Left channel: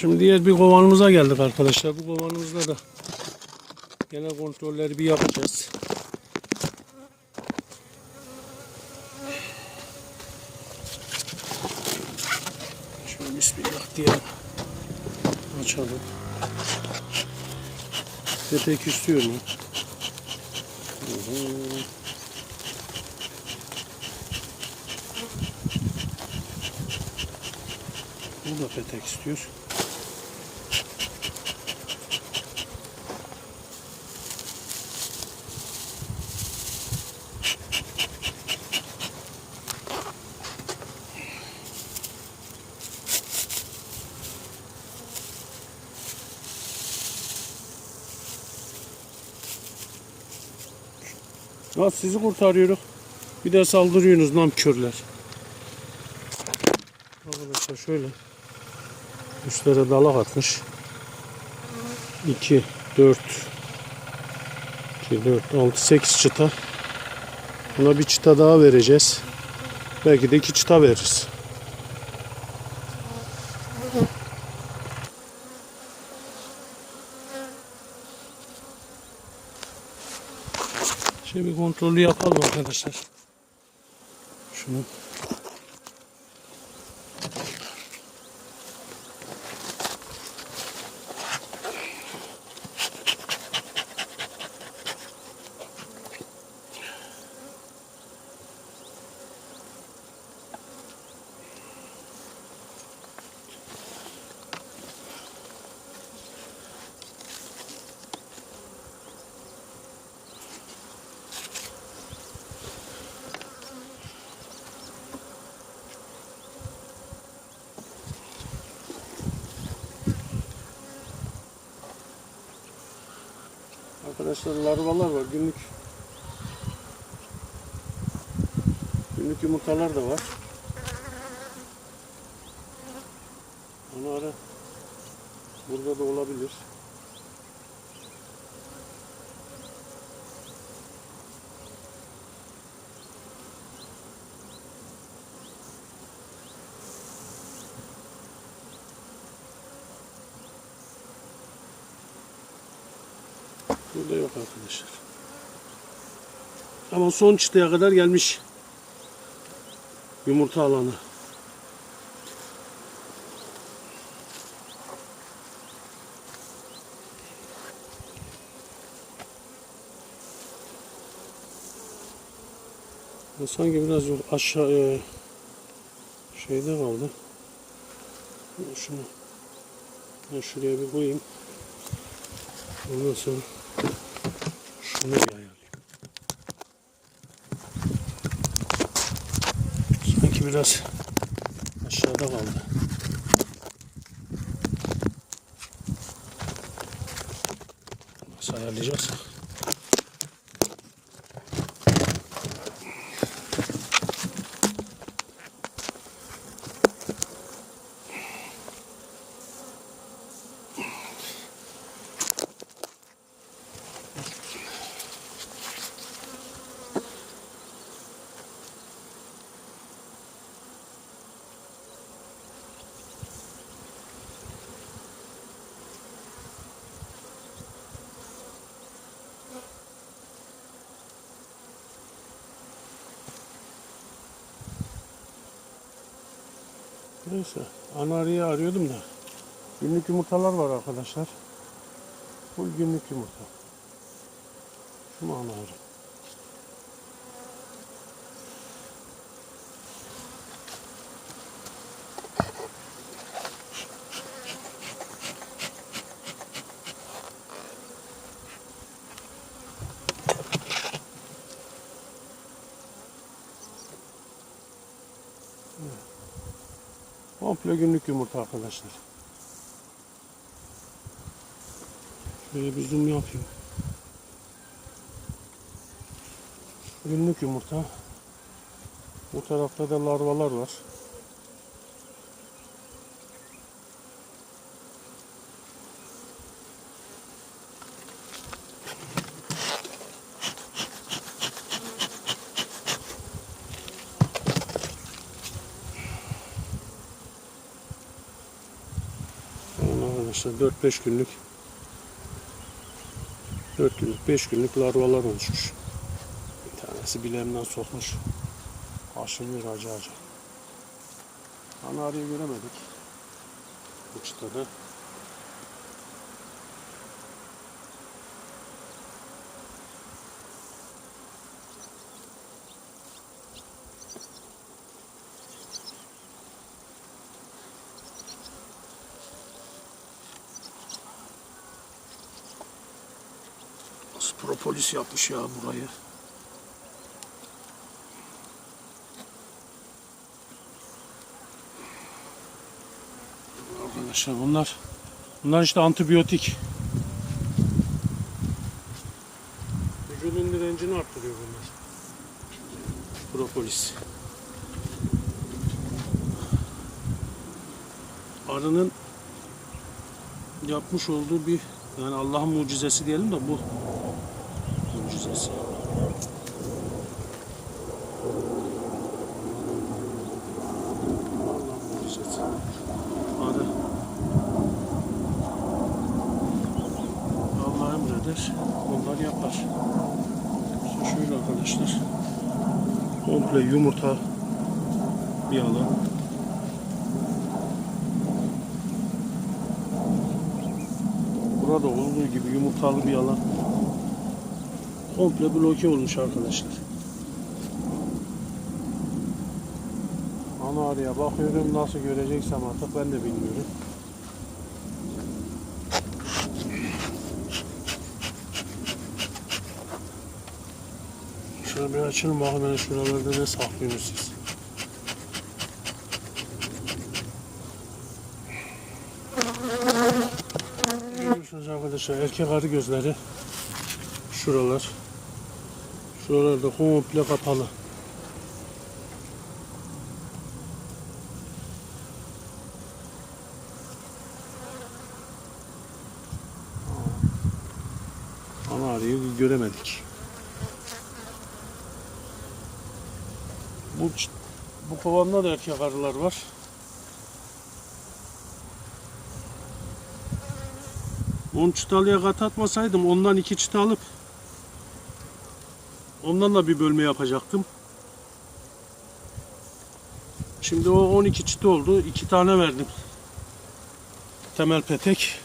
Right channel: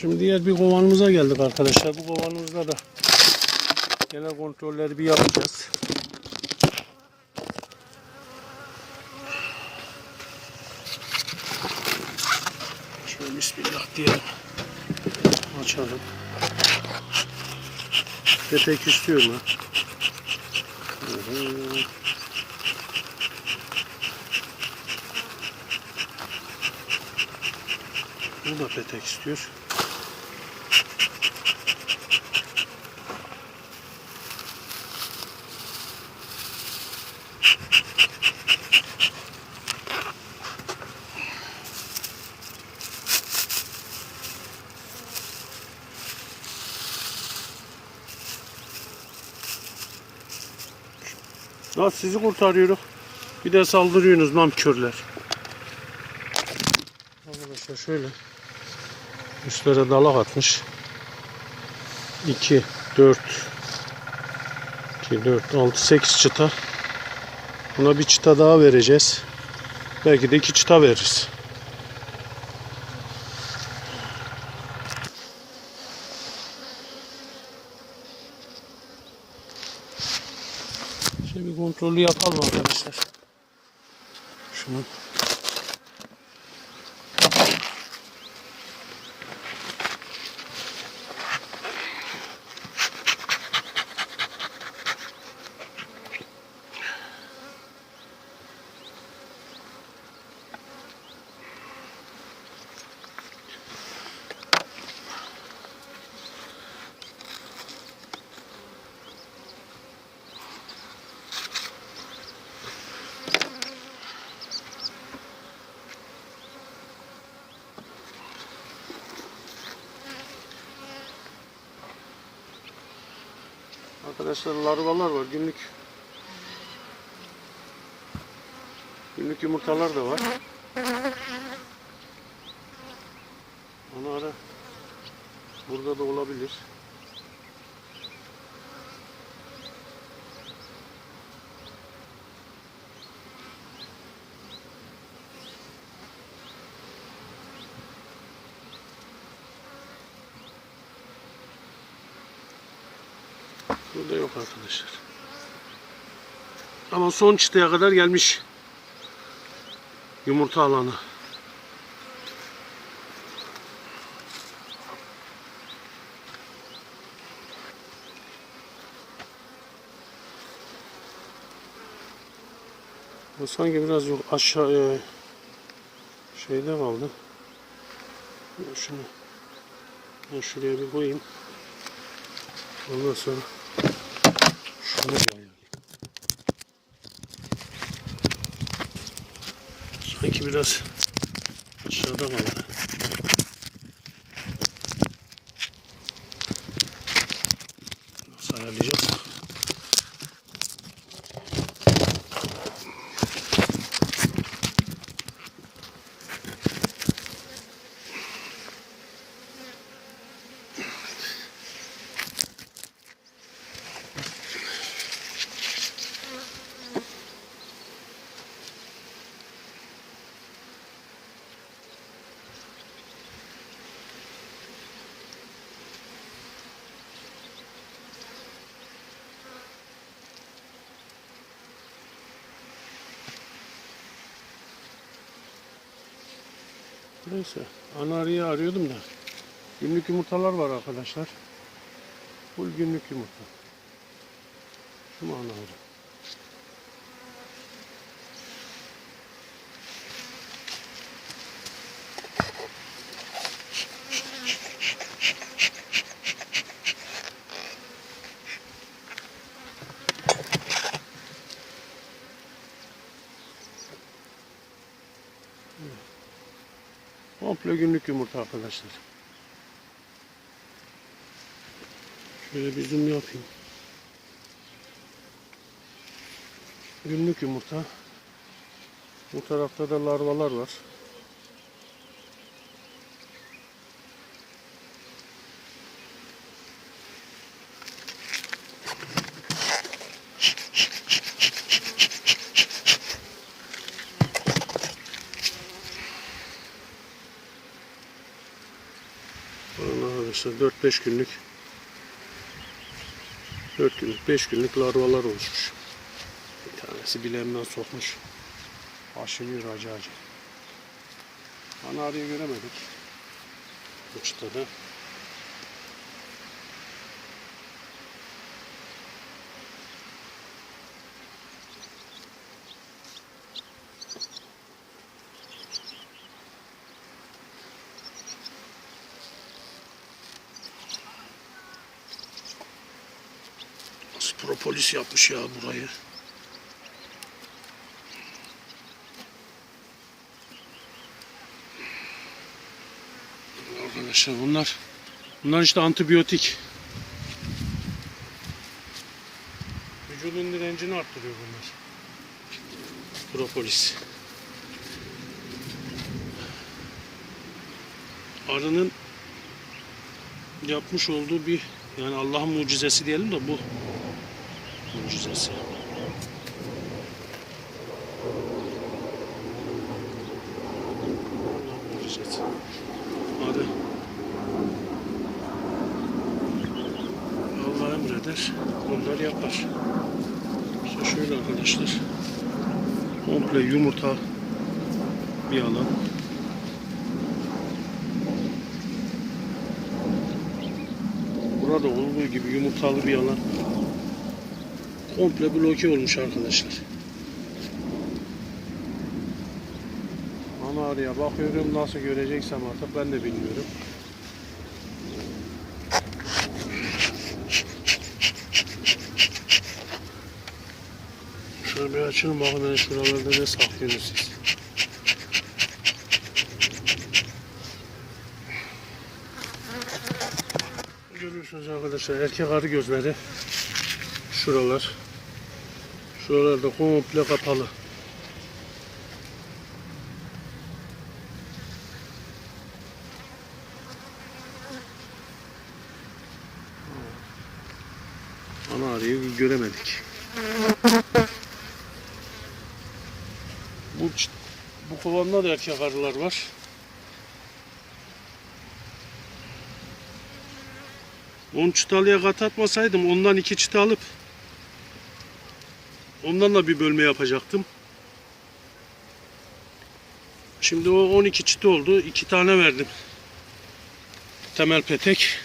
Şimdi diğer bir kovanımıza geldik arkadaşlar. Bu kovanımızda da genel kontrolleri bir yapacağız. Şöyle bismillah diyelim. Açalım. Tepek istiyor mu? Bu da petek istiyor. Nasıl sizi kurtarıyoruz? Bir de saldırıyorsunuz namkörler. Arkadaşlar şöyle. Üstlere dalak atmış. 2, 4, 2, 4, 6, 8 çıta. Buna bir çıta daha vereceğiz. Belki de iki çıta veririz. Şimdi bir kontrolü yapalım arkadaşlar. Şunu. Arkadaşlar larvalar var. Günlük günlük yumurtalar da var. Onu ara burada da olabilir. Burada yok arkadaşlar. Ama son çıtaya kadar gelmiş. Yumurta alanı. Sanki biraz yok aşağı e, şeyde kaldı. Şunu ben şuraya bir koyayım. Ondan sonra bir ayarlayayım. Sanki biraz aşağıda kaldı. Nasıl Neyse. Ana arıyı arıyordum da. Günlük yumurtalar var arkadaşlar. Full günlük yumurta. Şu mu ana arı? Komple günlük yumurta arkadaşlar. Şöyle bir zoom yapayım. Günlük yumurta. Bu tarafta da larvalar var. Arkadaşlar 4-5 günlük 4 günlük 5 günlük larvalar oluşmuş. Bir tanesi bileğimden sokmuş. Aşınıyor acı acı. Ana arıyı göremedik. Bu çıtada. Propolis yapmış ya burayı. Arkadaşlar bunlar bunlar işte antibiyotik. Vücudun direncini arttırıyor bunlar. Propolis. Arının yapmış olduğu bir yani Allah'ın mucizesi diyelim de bu mucizesi. Allah emreder, onlar yapar. İşte şöyle arkadaşlar. Komple yumurta bir alan. Burada olduğu gibi yumurtalı bir alan. Komple bloke olmuş arkadaşlar. Ana araya bakıyorum nasıl göreceksem artık ben de bilmiyorum. Şöyle bir açın bakın ben şuralarda ne saklıyorsunuz siz. Görüyorsunuz arkadaşlar erkek arı gözleri şuralar. Şuralarda komple kapalı. Ana arıyı göremedik. Bu bu kovanda da erkek arılar var. Onu çıtalıya kat atmasaydım ondan iki çıta alıp ondan da bir bölme yapacaktım. Şimdi o 12 çıta oldu. iki tane verdim. Temel petek.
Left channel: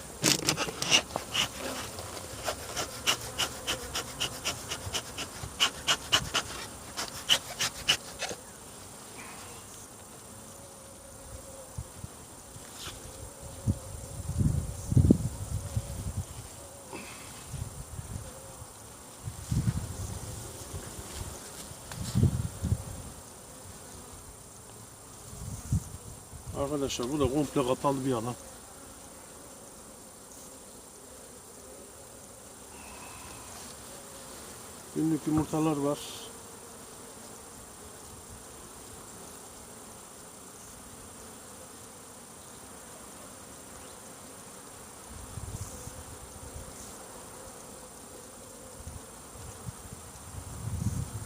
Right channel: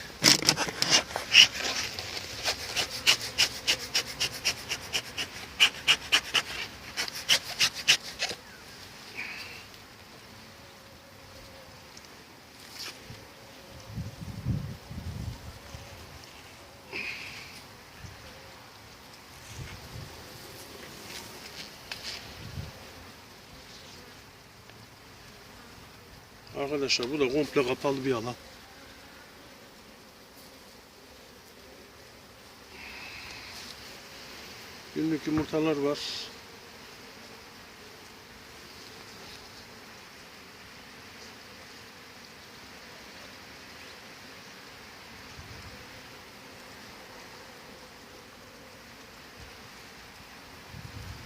Arkadaşlar bu da komple kapalı bir alan. Günlük yumurtalar var.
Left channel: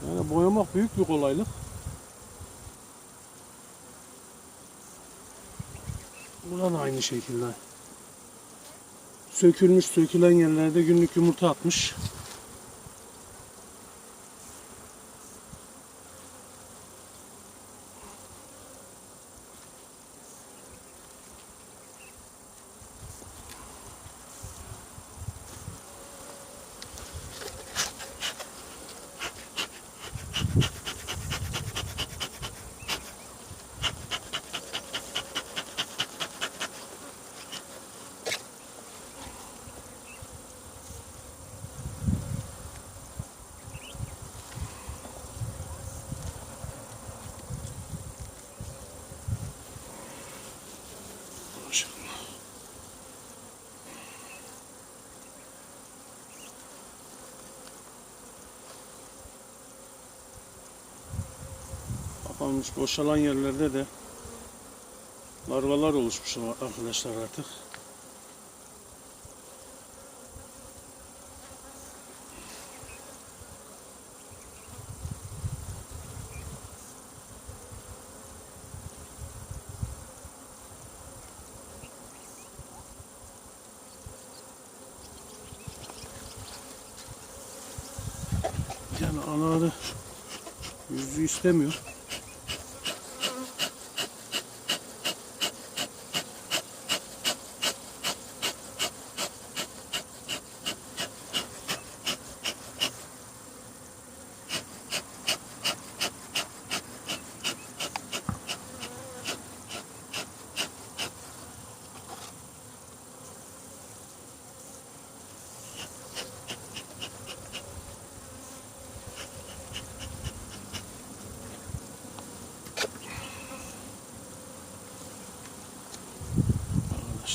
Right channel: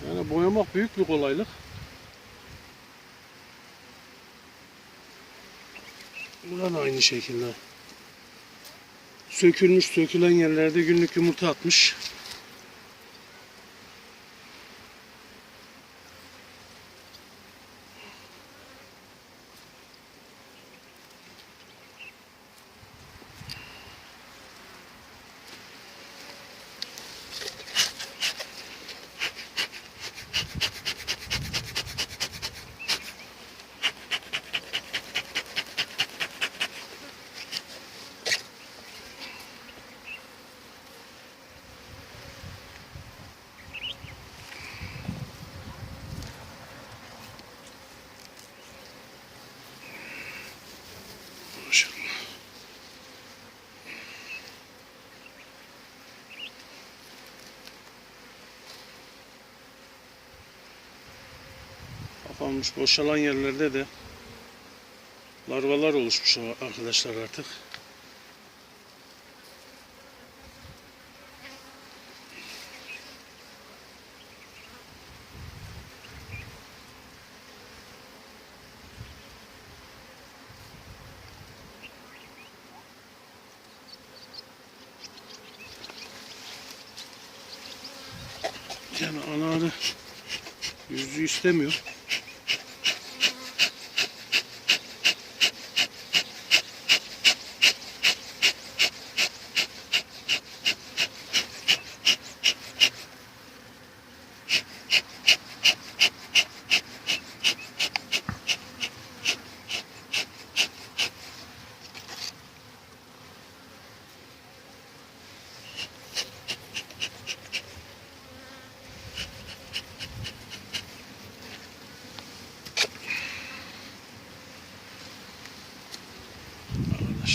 Yani boyamak büyük bir kolaylık. Burada da aynı şekilde. Sökülmüş, sökülen yerlerde günlük yumurta atmış. kalmış boşalan yerlerde de larvalar oluşmuş arkadaşlar artık. Yani anaları yüzü istemiyor.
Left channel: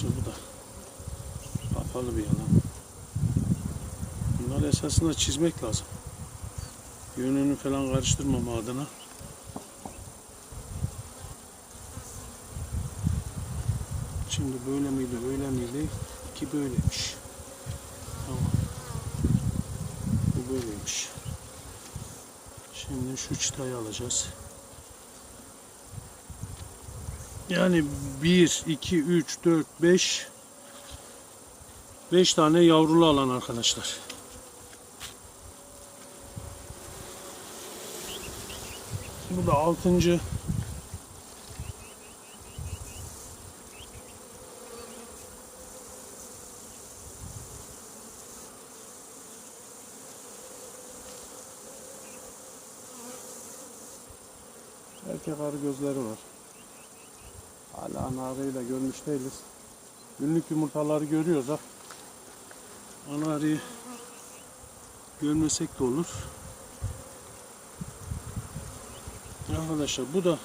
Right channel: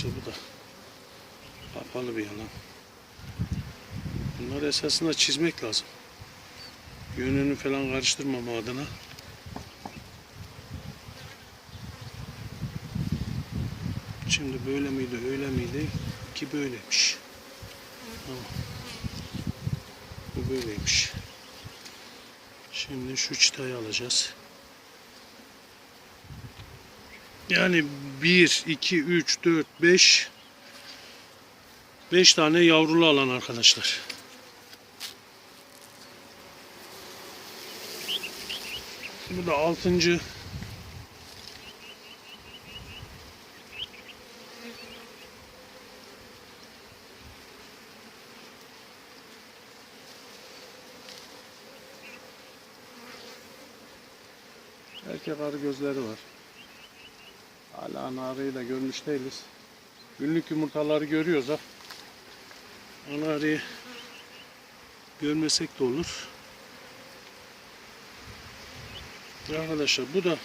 Arkadaşlar bu da kapalı bir yalan. Bunları esasında çizmek lazım. Yönünü falan karıştırmama adına. Şimdi böyle miydi, öyle miydi? Ki böyleymiş. Tamam. Bu böyleymiş. Şimdi şu çıtayı alacağız. Yani 1, 2, 3, 4, 5 5 tane yavrulu alan arkadaşlar. Bu da 6. Erkek arı gözleri var. Hala ana arıyı da görmüş değiliz. Günlük yumurtaları görüyoruz ha. Ana arıyı görmesek de olur. Arkadaşlar bu da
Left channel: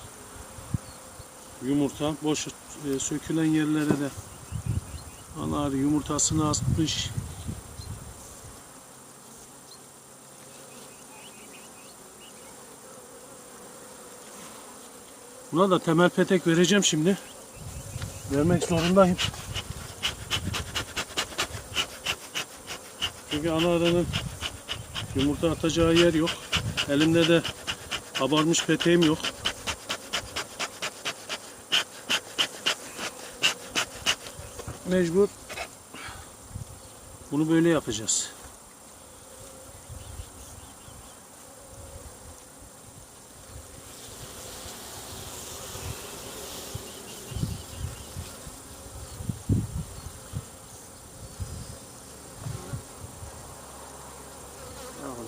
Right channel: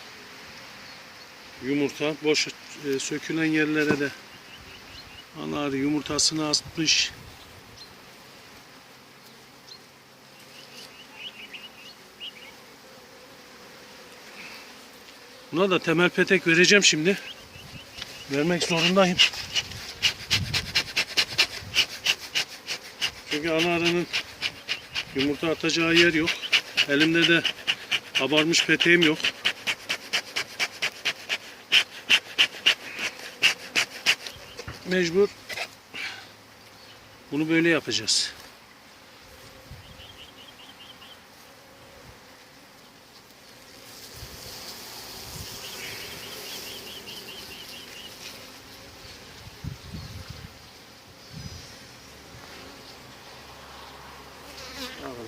yumurta. Boş e, sökülen yerlere de ana arı yumurtasını asmış. Buna da temel petek vereceğim şimdi. Vermek zorundayım. Çünkü ana arının yumurta atacağı yer yok. Elimde de kabarmış peteğim yok. Mecbur bunu böyle yapacağız.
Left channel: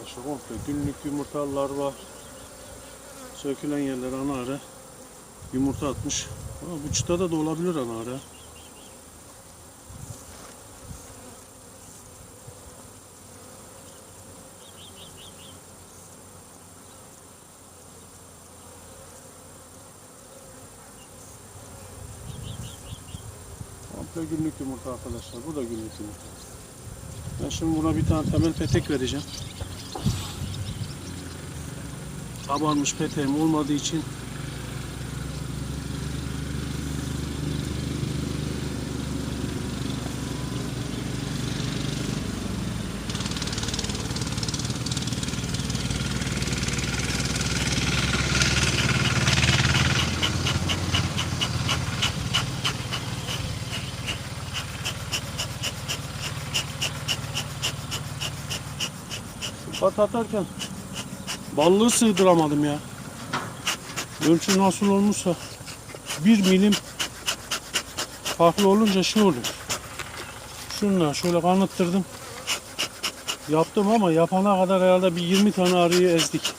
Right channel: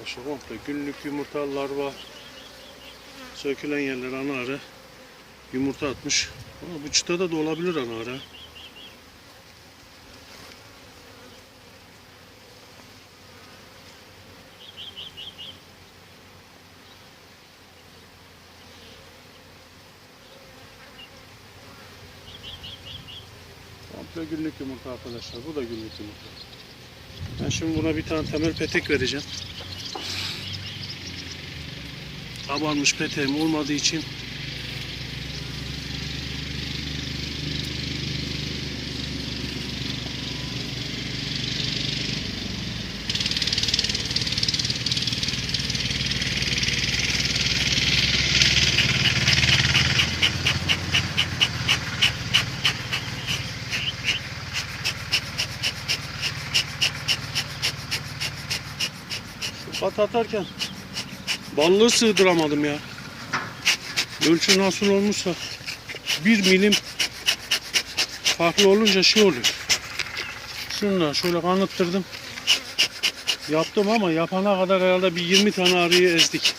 Arkadaşlar komple günlük yumurtalar var. Sökülen yerler ana arı. Yumurta atmış. Ama bu çıtada da olabilir ana arı. Komple günlük yumurta arkadaşlar. Bu da günlük yumurta. Ben şimdi buna bir tane temel petek vereceğim. Kabarmış peteğim olmadığı için. Pat atarken ballığı sığdıramadım ya. Ölçü nasıl olmuşsa bir milim farklı olunca şey oluyor. Şunla şöyle kanıttırdım. Yaptım ama yapana kadar herhalde bir 20 tane arıyı ezdik.